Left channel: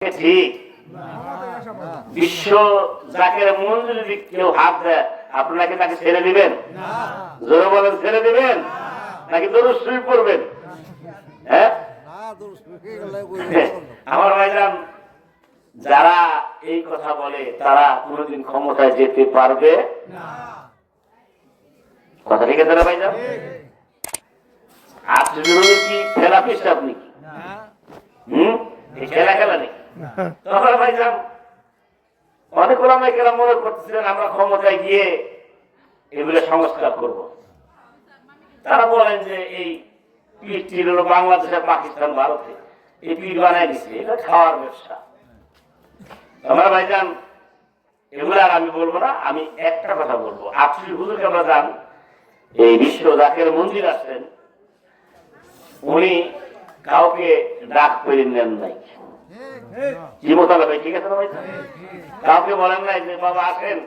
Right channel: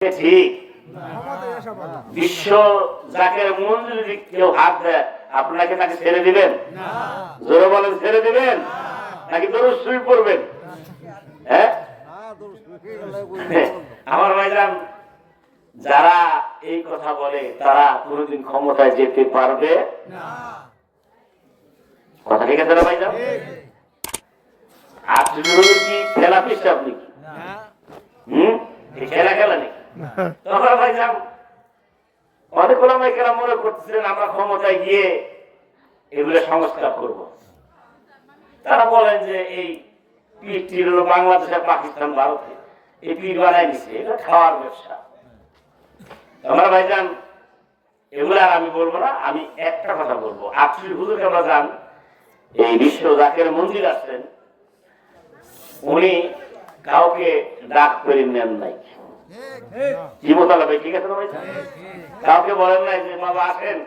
ঠিক বিশ্ব জাকের মন্দির যদি কেউ হাত দেয় আপনাকে তাকে ছেড়ে দিবেন? জোরে বলেন, ছেড়ে দিবেন নাকি দরুদ শরীফ পড়বেন? হ্যাঁ, আমার ভাইজান, যারা এই কথা বলে তারা কোনদিন ক্ষমতায় যেতে পারবে না। কথা ঠিক আছে ভাইজান? আপনি কি খেলা পিস? আপনি খেলা খেলা নেই। তখন ভাইজান অনেক ওলামায়ে কেরাম মনে করতেছেন আমরা ক্ষমতায় গিয়ে এগুলো সংস্কার করব। তারা বলেন যে এই পিঠটি হলো বাংলাদেশ, পাকিস্তান, ভারতে এই পিঠ বানাই দিচ্ছে, এটা খাওয়ার ব্যবসা। আমার ভাইজান এগুলো আর আমি বলবো না। আমি একটা কথা বলবো, আপনি হুজুর কেবলা যান এই বিশ্ব জাকের মন্দির আসছেন, উনি কাউকে ডাক করে নেন নাই। কি মোতাবেক? ঠিক আছে ভাই, কাউকে বলেন নাই যে বাবা আসেন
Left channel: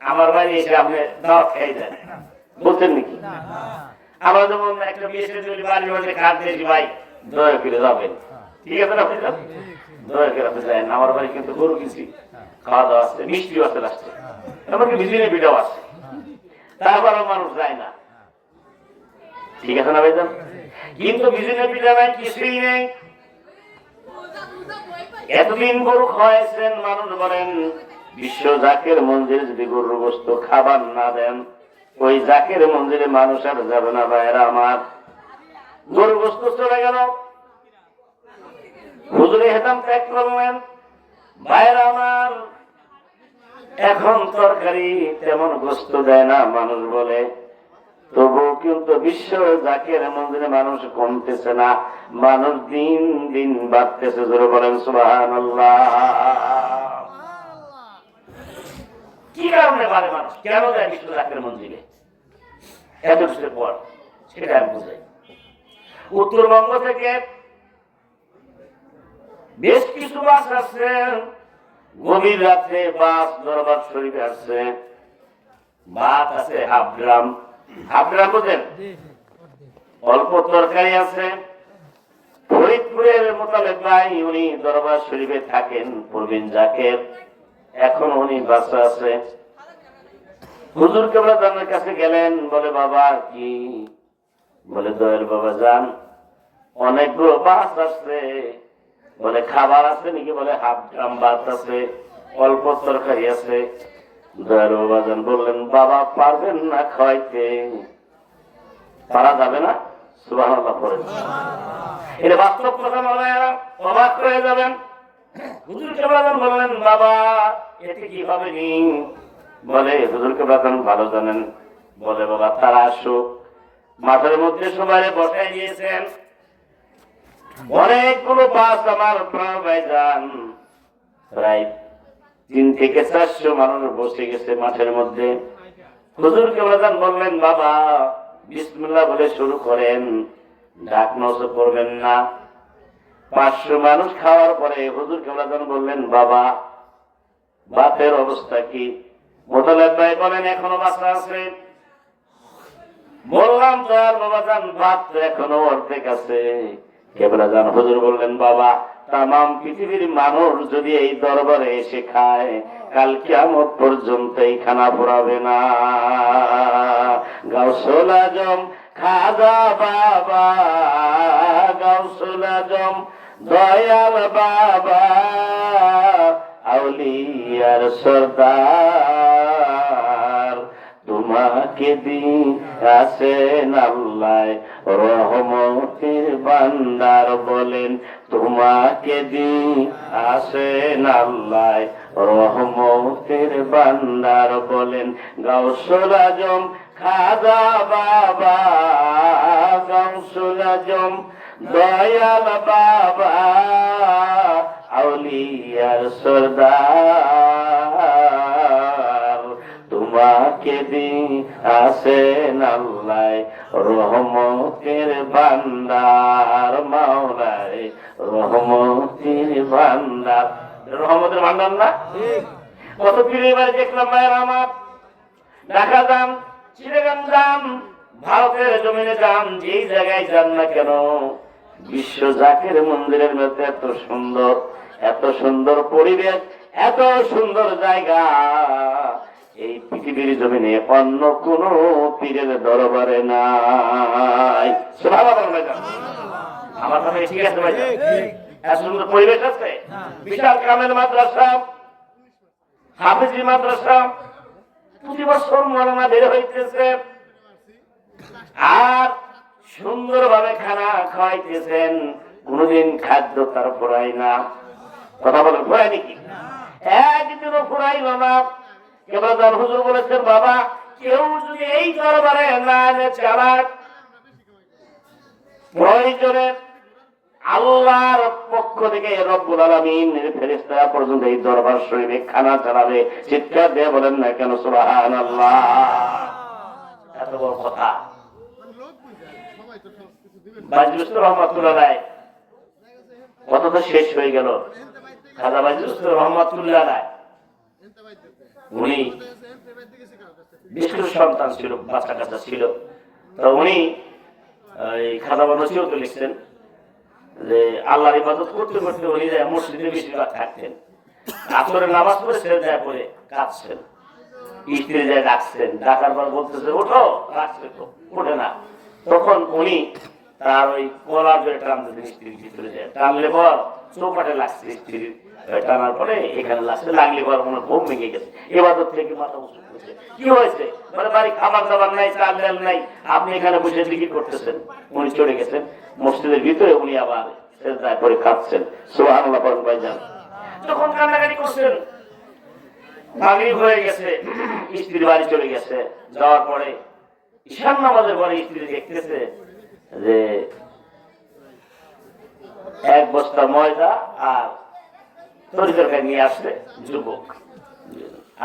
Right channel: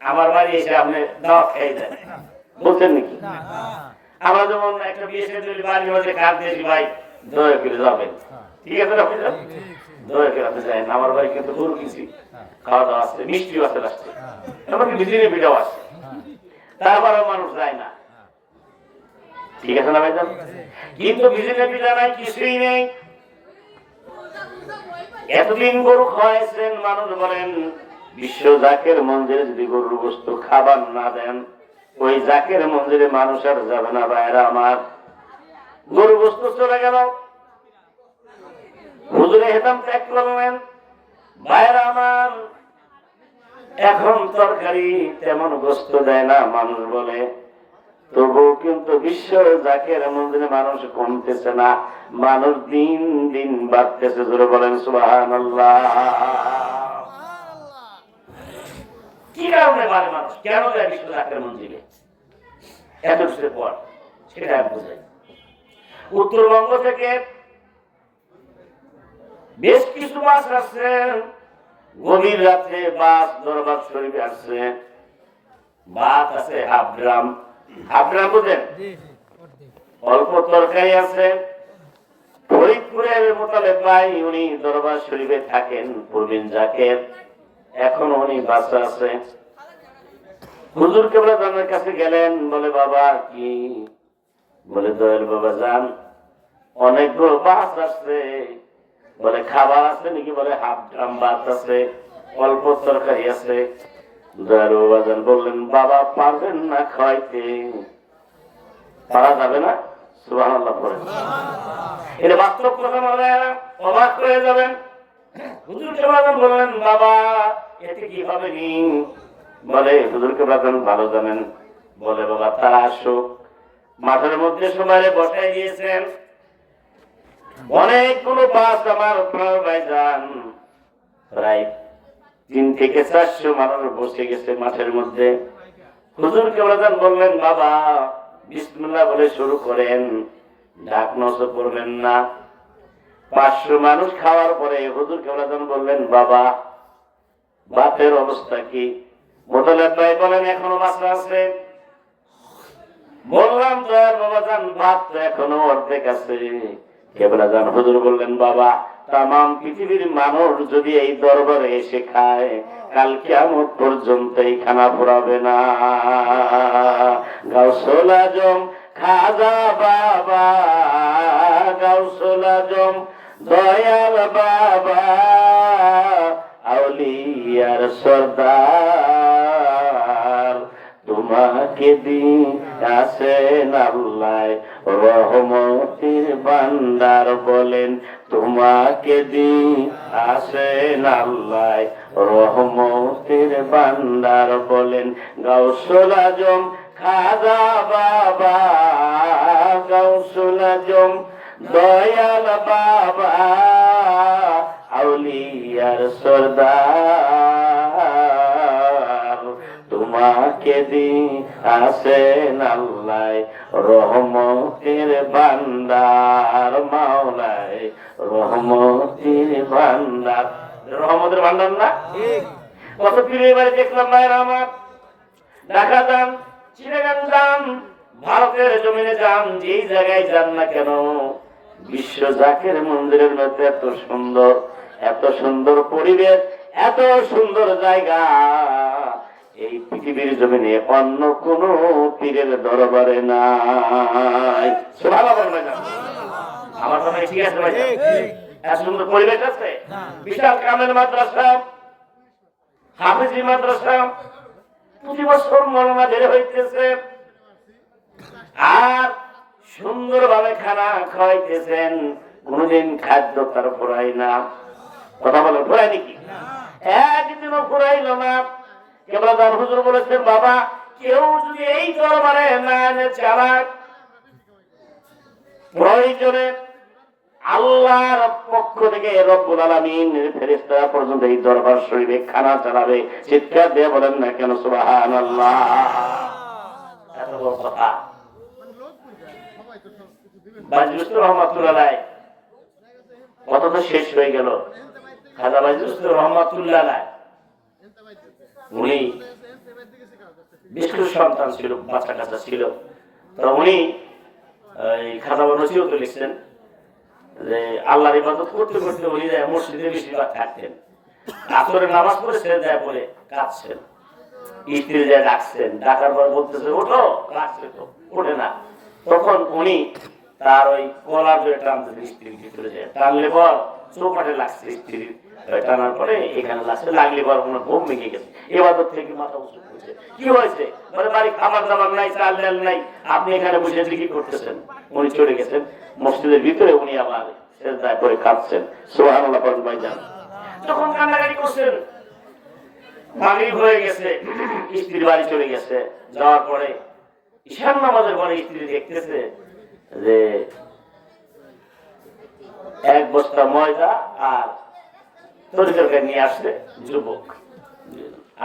আমার বাড়ি এসে আপনি দাওয়াত খেয়ে দেন, বলছেন নাকি? আমরা যেমন একটা বিয়ে সাথে বাড়ি হচ্ছে কাজ দিয়েছি, ভাই দয়া করে যাবেন, ঠিক আছে আপনি যান, দয়া করে আপনি যাবেন, আমার বাড়ি কিন্তু গরু কিছু খাওয়া দাওয়া আছে, মিষ্টিও আছে, আসছে এমনকি বিজলি পিঠাও আছে, তারপরেও মানুষ যায় না। ঠিক আছে না ভাইজান? কিন্তু বিজলি পিঠা নাই, কিছুই নেই। এতদিন গরু খাওয়াইছেন, মানুষ বলেন বিশ্ব জাকের মন্দিরে যদি গরুর গোশত খাবার না দেন ওই জাকের মন্দিরে মানুষ আর যাবে না। ভাইরা আমার, গরু গোশত চলে গেল, হুজুরে হেতাম ত্যাগ করলেন। ভাইরা আমার, এখন তরকারি তেমন গোশত দেয় না, মানুষ বলে, তবুও কিন্তু বিশ্ব জাকের মন্দিরে মানুষ কমতেছে না, মানুষ দিন দিন বাড়তেছে। জোরে বলেন সুবহানাল্লাহ। কি কারণে বাড়ে মানুষ? কেন যায় বিশ্ব জাকের মন্দিরে এত কিছুর পর? সেটা আমি বুঝাই। উত্তরবঙ্গ থেকে বেশ কিছু বাস আসছে, গভীর রাত্রে বাস দরবার শরীফে আসছে। ভাত আছে হাফ গ্রাম, হাফ গ্রাম বুঝেন, অল্প তরকারি আছে। ফরিদপুরের মোতালেব ভাই, উনি দরবার শরীফে থাকেন, পূর্বিন জাকের, এখন উনি বাসা আছে। হুজুর কেবলা জানের কাছে গেলেন, বলে বাবা কি? বলে দয়াল বাবা যান, অনেকগুলো বাস আছে, বলে খাবার আছে নাকি? বলে হাফ গ্রাম ভাত আছে, অল্প তরকারি আছে। দয়াল বাবা যান বললেন বাবা পারবেন না খাইতে? পারা যাবে না? সুবহানাল্লাহ পড়ে। এটা বাস্তব কথা বলে অবাক হয়ে যাবেন। হুজুর কেবলা বললেন বাবা এতে কি হবে নি? বলে হুজুর কেবলা ভালো জানেন। বলে বাবা তারা আসো। মাঠের মধ্যে সবাই বসাই দিয়েছেন, অনেকগুলো বাস আমার ভাইজান, প্রায় 3 থেকে 400 মানুষ বসে গেছে মাঠের মধ্যে। হুজুর কেবলা বললেন বাবা বিসমিল্লাহ বলে শুরু করেন, ডাক নষ্ট করবেন না। 500 মানুষ খাওয়ার পরে হুজুর কেবলা বললেন বাবা ভাতের অবস্থা কি? মোতালেব ভাই বলেন এখনো বাসা আছে। বললাম তো আর বাবা যান ভাত তো এখনো অর্ধেক আছে। কেবলা যান হুজুর বললেন বাবা তামাম পৃথিবীর মানুষ যদি এই দরবারে এসে খায় কাল কিয়ামত পর্যন্ত এই খানা ফুরাবে না। গাউসুল আজম খাজা বাবা, গাউসুল আজম দয়াল বাবা, আউলিয়ার সরদার, তোমাকে দিয়েছেন আল্লাহ রহমতের ভান্ডার। বলেন তোমাকে দিয়েছেন আল্লাহ রহমতের ভান্ডার। বলেন গাউসুল আজম খাজা বাবা, গাউসুল আজম দয়াল বাবা, আউলিয়ার সরদার, তোমাকে দিয়েছেন আল্লাহ রহমতের ভান্ডার। মাওলায় রহমতের ভান্ডার, রহমতের ভান্ডার না? কত পীরের বাড়ি দেখলাম ভাইয়ের আমার, ঢাকা যান, চিটাগাং যান, ভারতের জমিনে যান, যেই জায়গায় যান না কেন বিশ্ব জাকের মন্দিরের মধ্যে এত সুন্দর এত সুন্দর পরিবেশ, এত সুন্দর জায়গা এই পৃথিবীর জমিনে অন্য কোন পীরের দরবারে নাই। আমার কথা ঠিক আছে ভাই? এত সুন্দর পরিবেশ আছে, বিশাল কামের মাদ্রাসা, হাফিজি মাদ্রাসা, প্রতি বছর মৌলানা বের হইতেছে আর সুন্দরভাবে খানা খাওয়াইতেছেন। কোনদিন খাদ্য তার ফুরাই না। কথা বলো, ফুরাই নাকি? একদিনও ফুরাইল না। কেবল যান হুজুর বলেছেন, বাবা কেউ যদি এই দরবারে না এনে চালাক, প্রয়োজনে আল্লাহর পক্ষ থেকে রব্বুল আলামিন ফেরেশতারা পর্যন্ত এই দরবার শরীফে খানা চালাবে। চিৎকার দিয়ে বলেন না কেন সুবহানাল্লাহ। এত বড় কথা। বাজুস্তুর রহমাতুল্লাহ কত তো শেষ হয়ে গেল। খাজা বাজুস্তুর রহমাতুল্লাহ উনি বেশ কিছু সন্তান ছিল, বাচ্চা কাচ্চা ছিল। তো উনি খাজা নসিহত লিখছেন যে আল্লাহর ইবাদত করতে করতে উনি মসজিদে বেশিরভাগ থাকতেন। আসরে নামাজ পড়ে ছেড়ে দেয় বলে কাঁদছেন। স্ত্রী যায় ডাকছেন, ডাকার পর বলতেছে ওঠো, কাঁদছে তো ওঠে না। তখন উনি তার ওই কলার ধরে টানতেছেন, স্ত্রীর ভিতরে যায়, টানলে পর চৌকাঠে লাগছে, স্ত্রীর টানার পরে এখানে লাগছে, লাগলে পর ওনার ঘুম ভেঙে গেছে। ইবাদত থেকে মাথা উঁচু করেছে। কি হয়েছে? বলে বাড়ি খাবার দাবার নাই, চাল ডাল নাই, আপনি এখানে বসে জিকির করতেছেন। উনি চলে গেছেন মসজিদের ভিতরে, উনি আবার সেজদা করে কাঁদছেন। সুবহানাল্লাহ পড়েন ভাইজান। যখন কান্নাকাটি করছেন, মাগরিব হয়ে গেছে, স্ত্রী বাড়ি চলে গেছে। যাওয়ার পরে ঈশান নামাজের পরে স্ত্রী দেখতেছে যে এক বস্তা ময়দা আর তরকারি নিয়ে আসছে যুবক।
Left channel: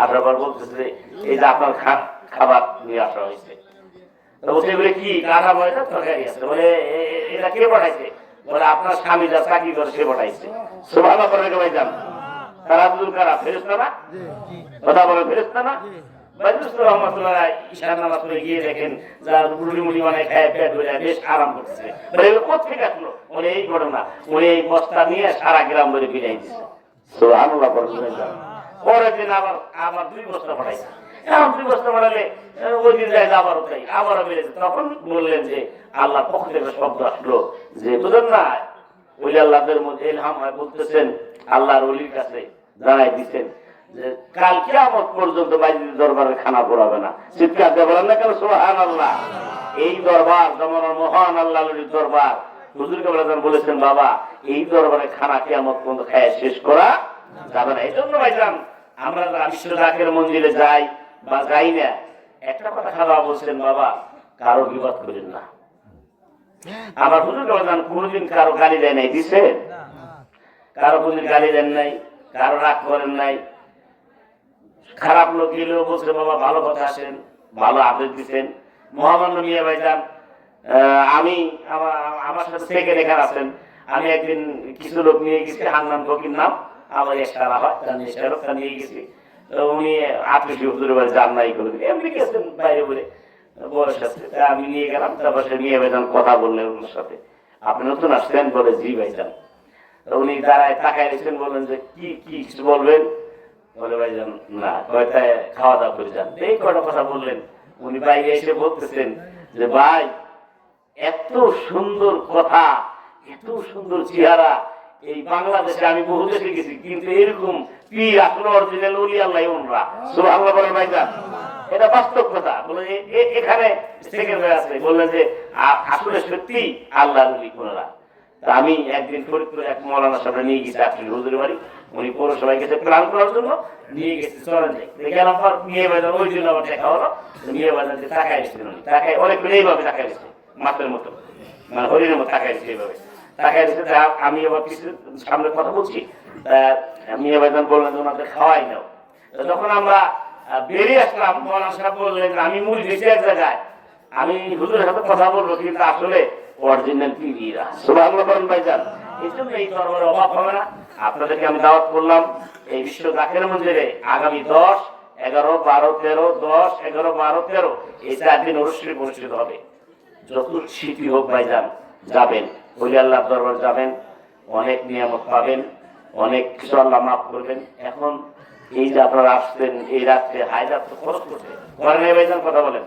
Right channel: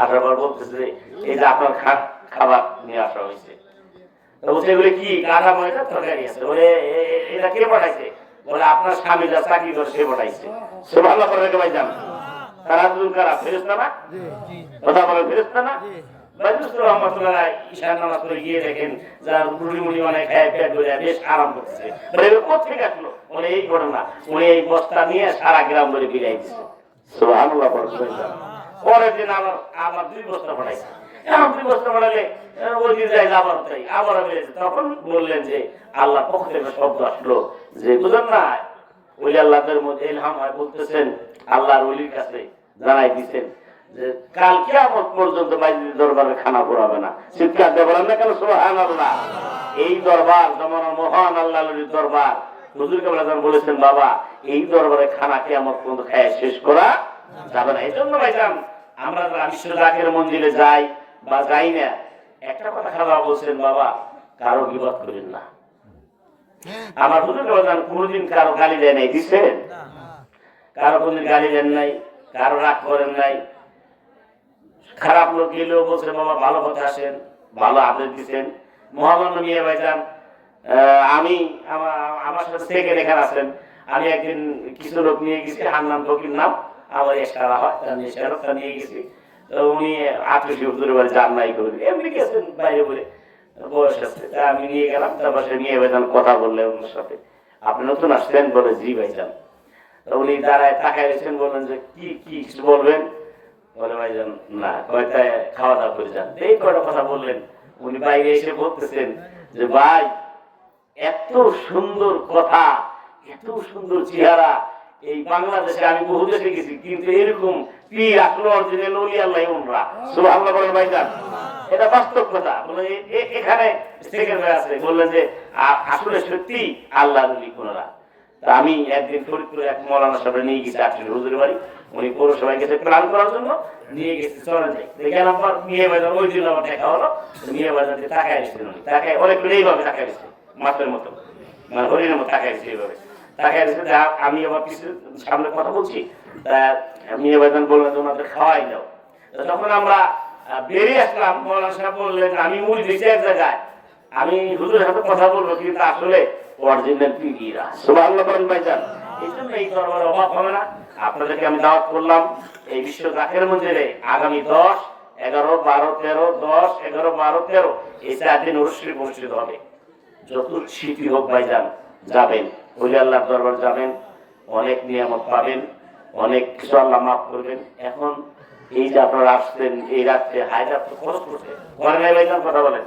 আবার বলতেছে এই যে আপনার খাবার নিয়ে আসা হয়েছে। বলছে এগুলো কি? কাঁচা ময়দা তরকারি আছে। বলে এটা কে পাঠাইছে? বলে আপনার স্বামী যা চাকরি করে সে পাঠাইছে। সুবহানাল্লাহ করে ভাইজান। তারা দুজন কারা? ফেরেশতা না? কথা বলে ফেরেশতা না? বাজুস্তুর রহমাতুল্লাহ ঈশান নামাজ পড়ে গিয়ে দেখেন যার রুটি মুড়ি অনেক খায় পেট ভরে বেশ আরাম করতেছে। বলে কোথেকে আসলো? বলে এই ঘটনা। বলে এই বস্তা নিয়ে সারা গ্রাম ধরে বিলাই দিচ্ছে। সুবহানাল্লাহ পড়ে ভাইজান। পরের দিন আবার 2 বস্তা পাঠাইছে। এখন 2 বস্তা পাঠালে ওই দিন যায় আবার তাই আবার বেড়েছে। তখন বললেন যে আল্লাহ পক্ষ থেকে শব্দ আসলো যে বুঝলেন না, ওই আল্লাহদের মধ্যে ইলহাম হয় বলতেছেন, আল্লাহর ওলির কাছে জানাই দিচ্ছেন যে কাল কিয়ামত পর্যন্ত বাইজির দরবারে খানা পড়াবে না। চিৎকার দিয়ে বলেন না কেন সুবহানাল্লাহ। এই দরবার জমানার মহান আল্লাহর ওলির দরবার। হুজুর কেবলাজান বলেছেন, বাবা এই দরবারে খানা কিয়ামত পর্যন্ত খায় শেষ করা যাবে না। এই জন্য ভাইজান আমরা যারা বিশ্ব জাকের মন্দিরে যাই বা যাই না, একটা কথা খারাপ বলছেন, বাবা কারো বিপদ করেন না। আমার হুজুর কেবলাজান কোনোদিন কারো গালি দেয় নাই, দিচ্ছেন? কারো কোনদিন গালি দেন নাই, কারো রাগ করেন নাই। খারাপ লোক গেলেও বলছেন বাবা ভালো কথা আসেন, ভালো আদেশ দিচ্ছেন। মহামান্য মিয়া ভাইজান আমি আমার সাথে থেকে লেখা আছেন। আমি একদিন কিছু লোক নিয়ে গেছি, হান্নান ফকির নাম, আমার এক্সট্রা হয় তার নিয়ে গেছি। তো উনি 800 হুজুরের বাড়ি যান নাই করবি এমনি গেছেন বাইরে বলে বয়স আছে। তা আমি নিয়ে গেলাম, তার পাশে নিয়ে ভাইজান কথা বললেন ওনার সাথে। আপনি নতুন আসছেন? বলে জি ভাইজান। উনি দাঁড়ায় তাকায় দিয়েছেন, বললেন যে কি কি কিছু বলবেন? বলে ভাইজান না, কয়টা খাওয়া দাওয়া করে যান। এই কয়টা কথা বললেন। উনি বাইরে এসে বলতেছেন যে ভাই এত সুন্দর কথা, এত সুন্দর চেহারা, এই বাংলাদেশে আমি বহু দেশে গেছি কিন্তু এরকম পীর আপনার অরিজিনাল ওলি আল্লাহ ওনরা। সুবহানাল্লাহ বলেন ভাইজান। এটা বাস্তব কথা। বলে এখানে থেকে আছে বললেন যে আসলে সত্যি আল্লাহ ওলি ওনরা। আমি একদিন ফরিদপুরে এক মৌলানার সামনে নিয়ে গেছি, 800 হুজুরের বাড়ি। উনি পৌরসভায় গেছে প্ল্যান করার জন্য, নিয়ে গেছি চলেন যাই। গেলাম পর নিয়ে বাজার ওই দিন আবার দেখা হলো। নিয়ে বাজার তাকায় এসেছেন, উনি তাকায় অনেকগুলো এইভাবে তাকায় এসেছে, মাপের মতো মানে হরিণের মতো তাকায় এসেছে এইভাবে তাকায় এসেছে। আমি আবার কিছু সামনে কথা বলছি, তা আমি এবার বললাম ওনাদের খাওয়াই দাও। যখন আমরা বেরিয়ে আসলাম, মৌলানা সাহেব বললেন আমি মুড়ি দিয়েছি এক জায়গায়, আমি হুজুরের সাথে কথা বলবো কিন্তু আসলে অরিজিনাল পীররা। সুবহানাল্লাহ বলেন ভাইজান। এই জন্য এই দরবার অভাব হবে না। আপনাদেরকে আমি দাওয়াত করলাম এই বিশ্ব জাকের মন্দিরে আগামী 10, 11, 12, 13, 10, 11, 12, 13 এই 4 দিন অনুষ্ঠিত হবে। যত শীতই হোক ভাইজান যাবেন, ওলি আল্লাহর দরবার যাবেন, অনেক নিয়ামত পাবেন। অনেক কিছু আল্লাহ মাফ করবেন। এখন এই যে আপনারা আসছেন এই রাত্রে হায়দ্রাবাদ খরচ করছে, ঘরে কথা বলেন।